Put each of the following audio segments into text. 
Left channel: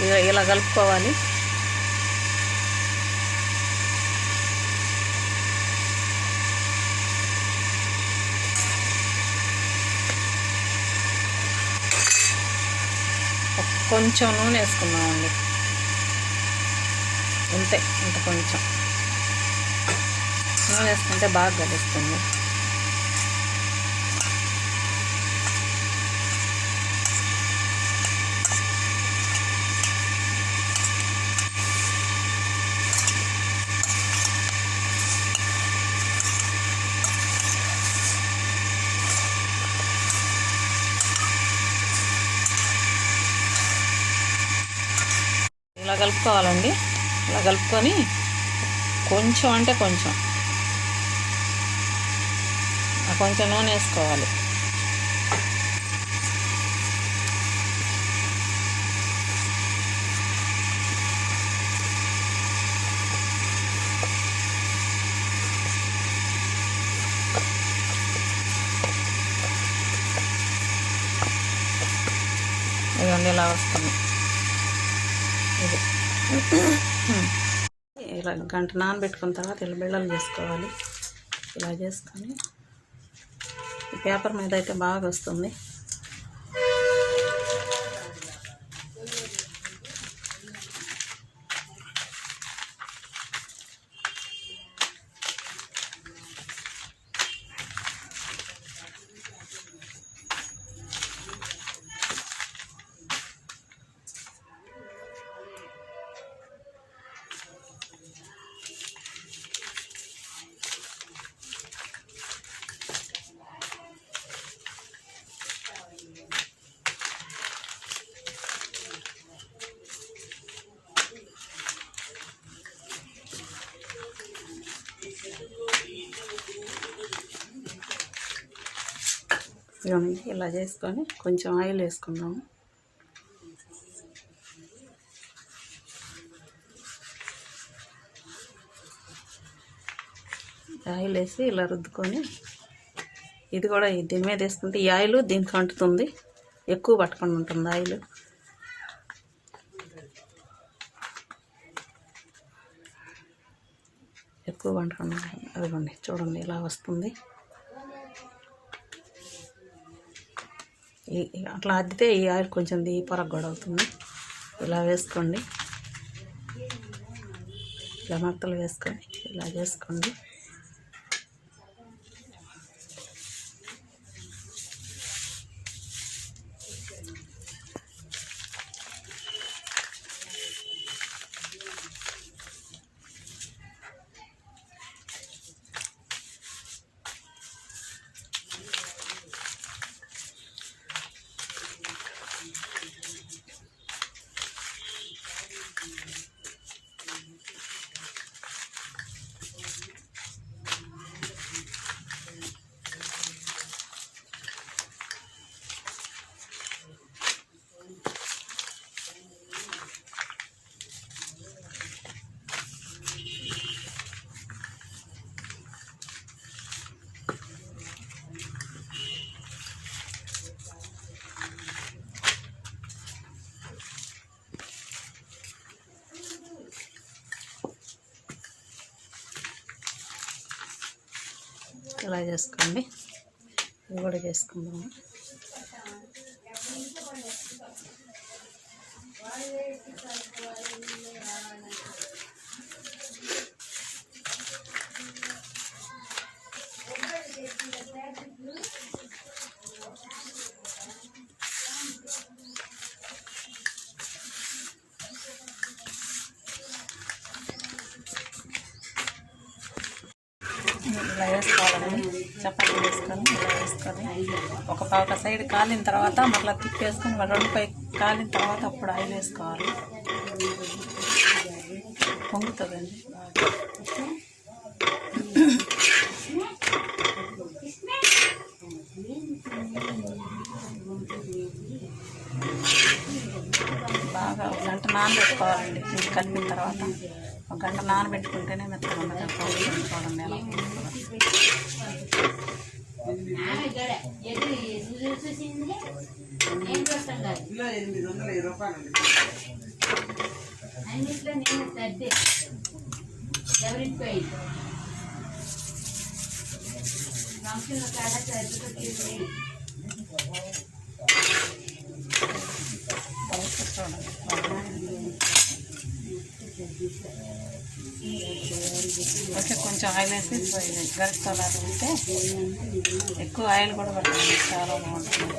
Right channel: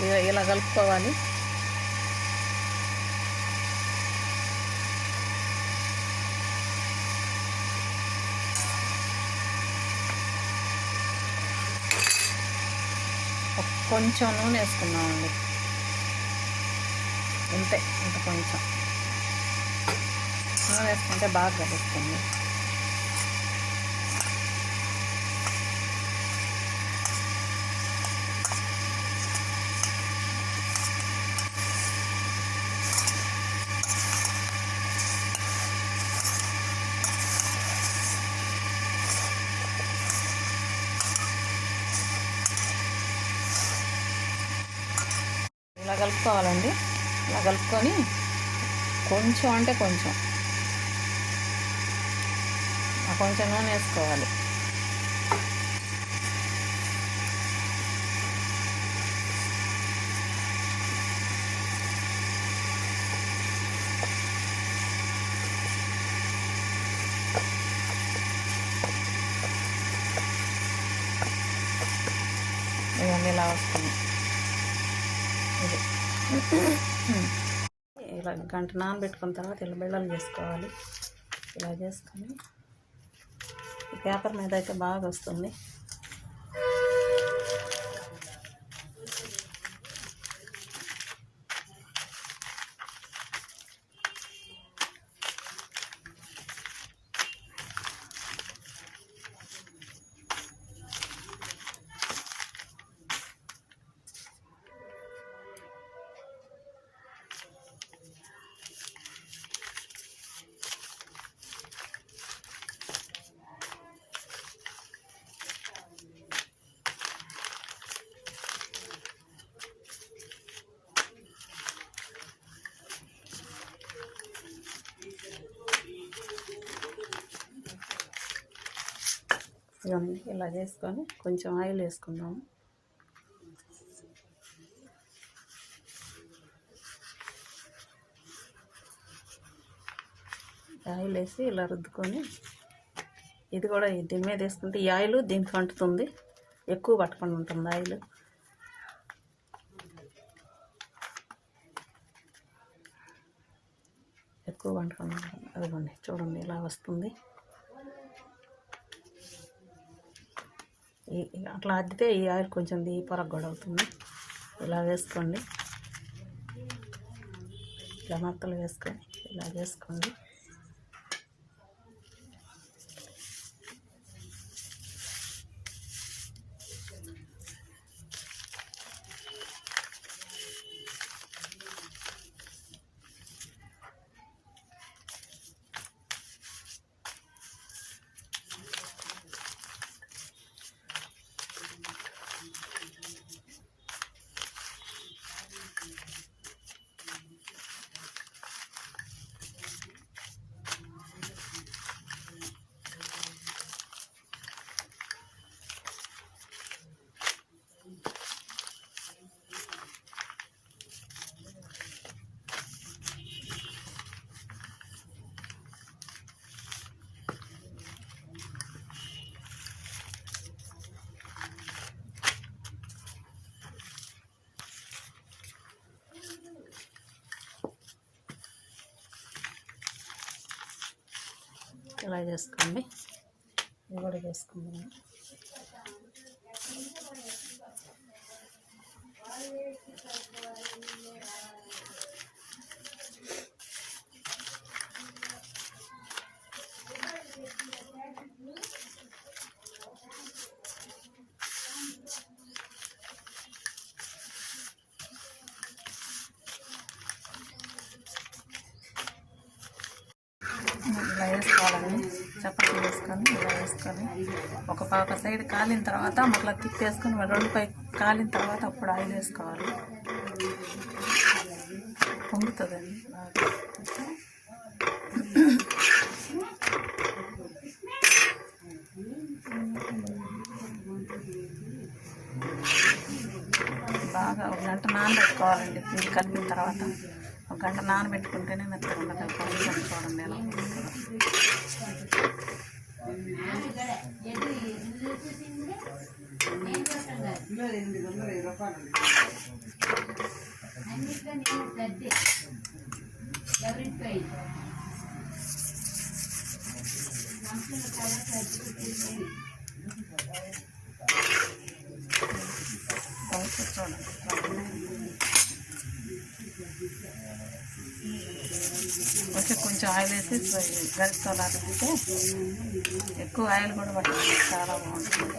ఇలా- ఇలా కలుపుకోవాలి. కొంచెం నూనె వేసుకున్నామండి ఇంతే ఇంత కొంచెం. నూనె వేసుకుంటే బాగా కలుస్తుంది ఇలా కలుపుకోవాలండి. ఇలా కలుపుకొని కొంచెం అంటే కొంచెం. కొంచెం నూనె వేసుకోవాలి. ఇదిగోండి ఇలా వస్తుంది. ఇలా గంట నానబెట్టుకున్న తర్వాత ఇలా బిళ్ళలు చేసుకోవాలి ఇలా చేసుకొని ఈ పేపర్ మీద అయితే బాగా వస్తుంది. ఇదిగోండి ఇలా చేసుకొని కొంచెం ఆయిల్ వేసుకుందాము. ఆయిల్ వేసి ఇలా రుద్దుకొని ఇది కూడా దీని మీద వేసుకుంటే ఈ ఆయిల్ దీనికి అంటుతుంది. ఎక్కువ పట్టుకొని ఉంటుంది ఆయిల్. ఎక్కువ పట్టుకొని ఉంటుంది. అదిగోండి చూడండి ఇలా వస్తుంది ఈ ఈ- అట్లా అద్దితే ఈ ఆయిల్ కొంచెం దీ పొరకు కూడా అవుతుంది ఇలా వేసుకోండి. ఇలా మత్తలు వేసుకొని ఇలా చేసుకోండి. ఇలా చేసుకోండి. ఇది కూడా చేసుకుందాము ఇలా వేసుకోవాలండి చపాతీ వేసుకొని ఇలా ఒక పాక సైడ్ కాలిన తర్వాత మళ్ళీ తిప్పేసుకొని మళ్ళీ రెండు కాలిన తర్వాత అప్పుడు ఆయిల్ వేసుకోవాలి. పొంగుతుందండి బాగా ఒక గంట నానబెట్టుకోవాలండి. కలిపిన తర్వాత ఒక గంట నానబెట్టుకుంటేనే మెత్తగా ఉండదు. చూడండి ఎలా ఓకే కొంచెం ఆయిల్ వేసి కలర్ ఉంటే ఎక్కువ ఆయిల్ కూడా పడుతుంది చాలా బాగుంటుంది.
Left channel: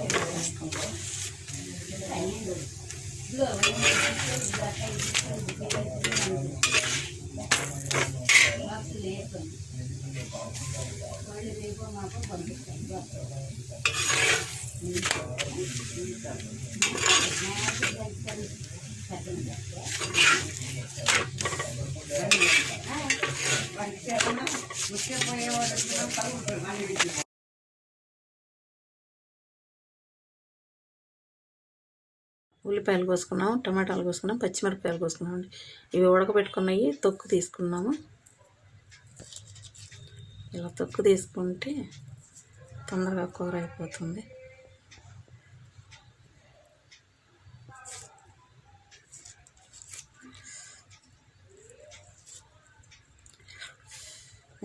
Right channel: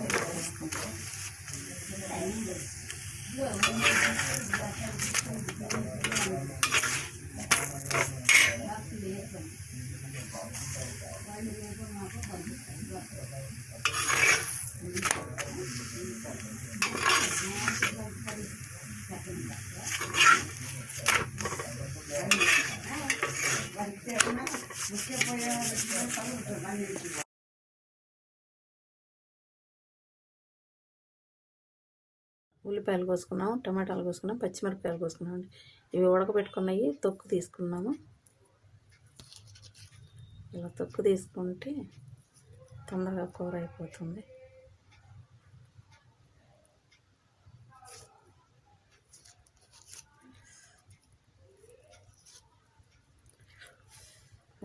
ఉల్లిపాయలు కోసుకున్నాము టమాటాలు కోసుకున్నాం పచ్చిమిరపకాయలు కోసుకున్నాం ఇవి ఉడకబెట్టుకున్నవి తొక్కు తీసుకున్నాము ఇలా తొక్కు తీసుకుంటే తొందరగా కూర అయిపోతుంది.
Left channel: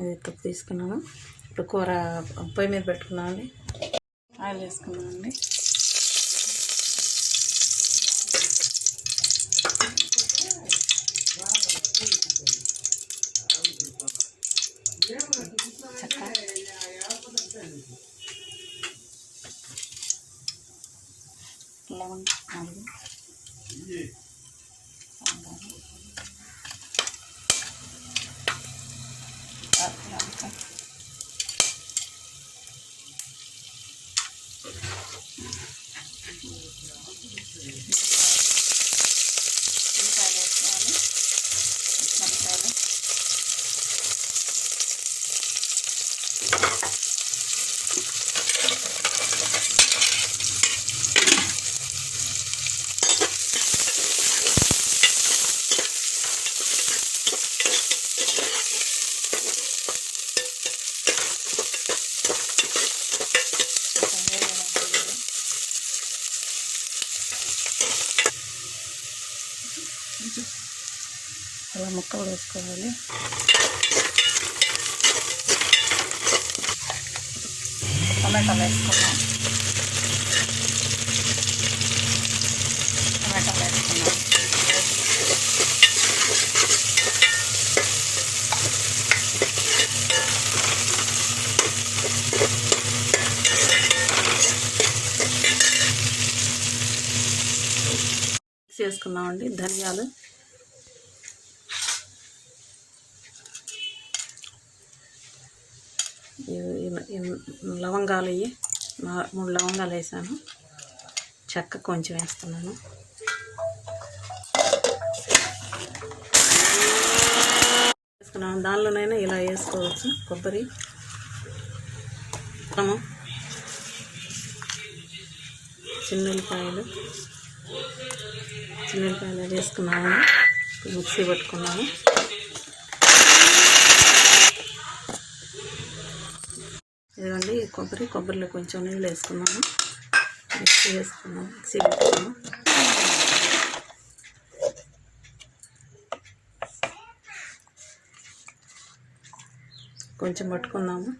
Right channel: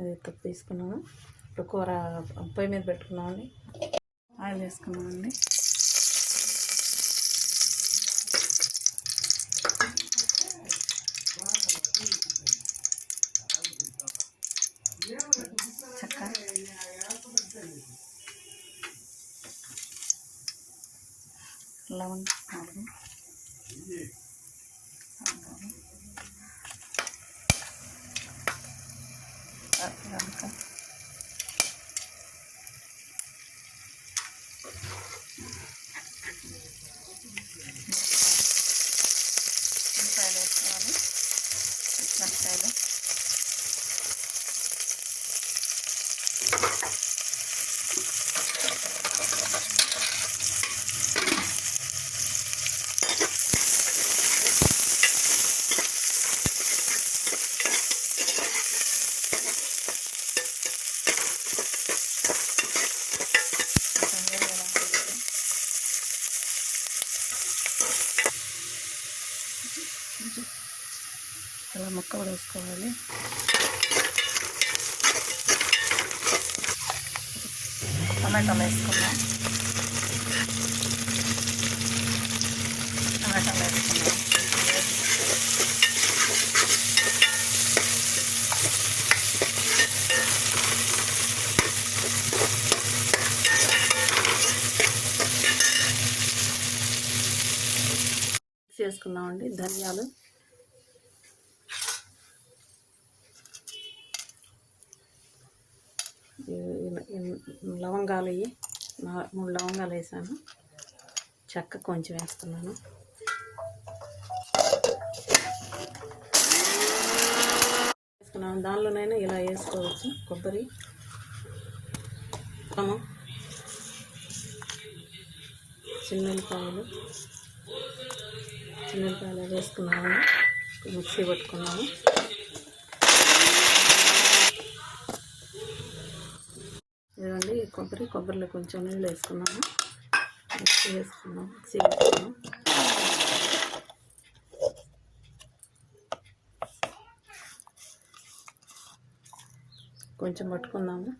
ఇది తొక్కు తీసుకున్నాము ఇప్పుడు కూర పొయ్యి మీద పెట్టుకున్నామండి ఆయిల్ వేసుకున్నామండి అలా ముక్కలు వేసుకోవాలి టమాటాలు వేసుకున్నాం టమాటాలు వేసుకున్నాం మిక్స్ చేసుకున్నామండి ధనియాలు ఇవి- ఇవి- ఇవి లవంగాలు అయ్యి మూడు లవంగాలు వేసాను. చెక్క కొంచెం వేస్తున్నాను. వేసుకున్నాను. దానిలోనైనా ఇలా వేసుకోవచ్చు. కొబ్బరి. అల్లము, చిన్నుల్లిపాయలు చిన్నుల్లిపాయలు వేసుకున్నాము మిక్సీ పట్టుకున్నాము ఇదిగోండి కొబ్బరి కొబ్బరిలో కొంచెం నీళ్ళు వేసుకున్నాము మిక్సీ వేసుకున్నాం మిక్సీ పెట్టుకున్నాం కొంచెం పట్టుకున్నాము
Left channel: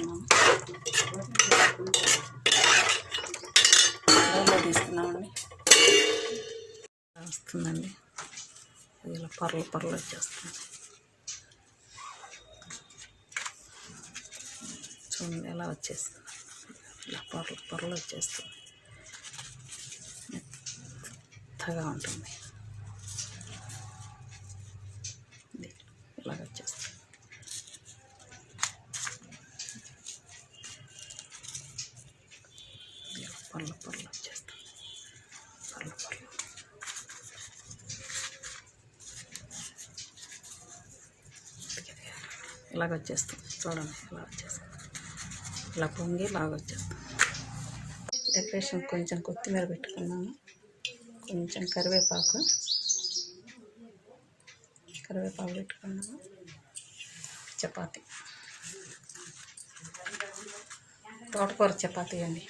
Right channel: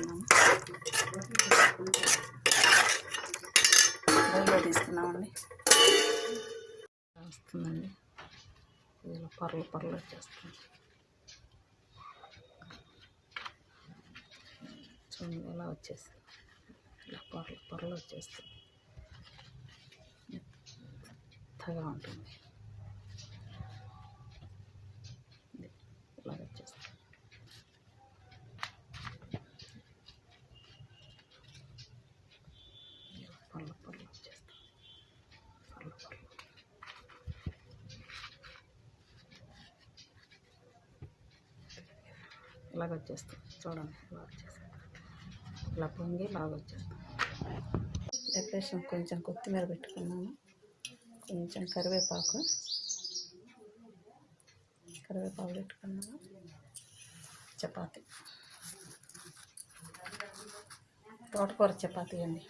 తీసుకున్నాము బౌల్లో తీసుకున్నామండి వస్తుందండి. ఇలా పర్లు పర్లు వచ్చేస్తుంది చూడండి ఎలా వచ్చేస్తుంది ఇలా పర్లు పర్లు వచ్చేస్తుంది మెత్తగా ఉంటుంది ఇది ఇలాగ వచ్చేస్తుంది ఇలా పర్లు పర్లు వచ్చేస్తుంది పర్లు పర్లు ఇలాగ వచ్చేస్తుంది చూడండి ఇలా వచ్చేస్తుంది ఇలా పొంగి ఇలాగ వచ్చేస్తుంది డెకరేషన్ కొంచెం కొత్తిమీర పెట్టుకున్నాము. కొంచెం కరివేపాకు. కరివేపాకు పెట్టుకున్నాము. చపాతి. తోటకూర చపాతీ అండి.